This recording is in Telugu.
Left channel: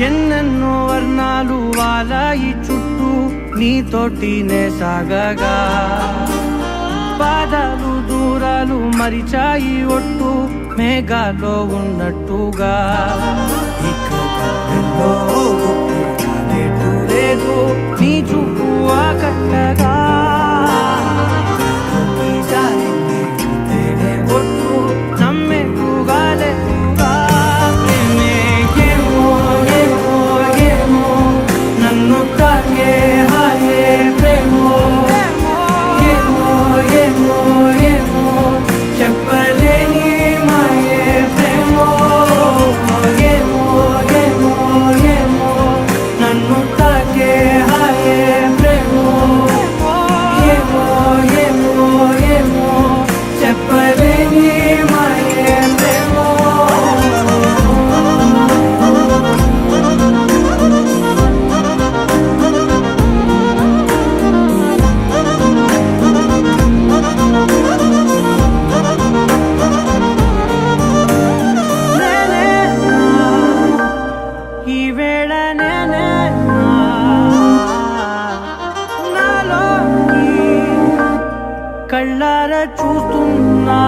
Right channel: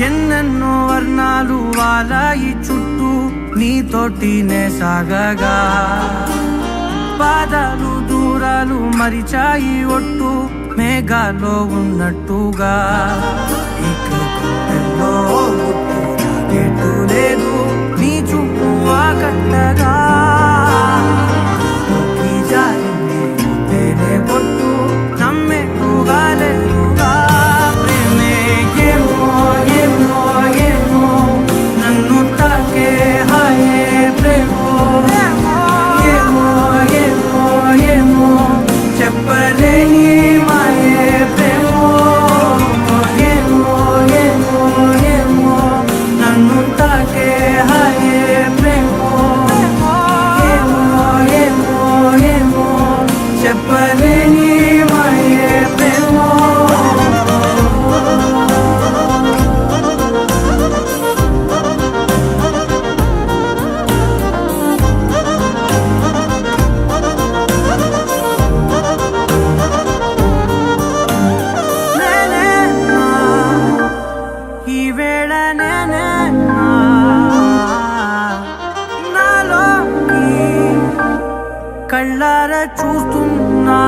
ఎన్నెన్నో వర్ణాలు వాలాయి చుట్టూ నీతోటినే సాగగా పాదాలు దూరాలు మరిచాయి ఒట్టు మేఘాలో ఉన్నట్టుగా లేదు నీ చూపు ఆకట్టగా పొట్టు నమ్మేట్టుగా లేదుగా ప్రేమే ఏమో ఏమో ఏమో నన్ను తాకే హాయే ప్రేమో ఏమో ఏమో ఏమో చెప్పలేని మాయే ప్రేమో ఏమో ఏమో ఏమో నన్ను తాకే హాయే ప్రేమో ఏమో ఏమో ఏమో చెప్పలేని మాయే ప్రేమో ఈ వేళ నాలోకి కళ్ళారా చూస్తున్నా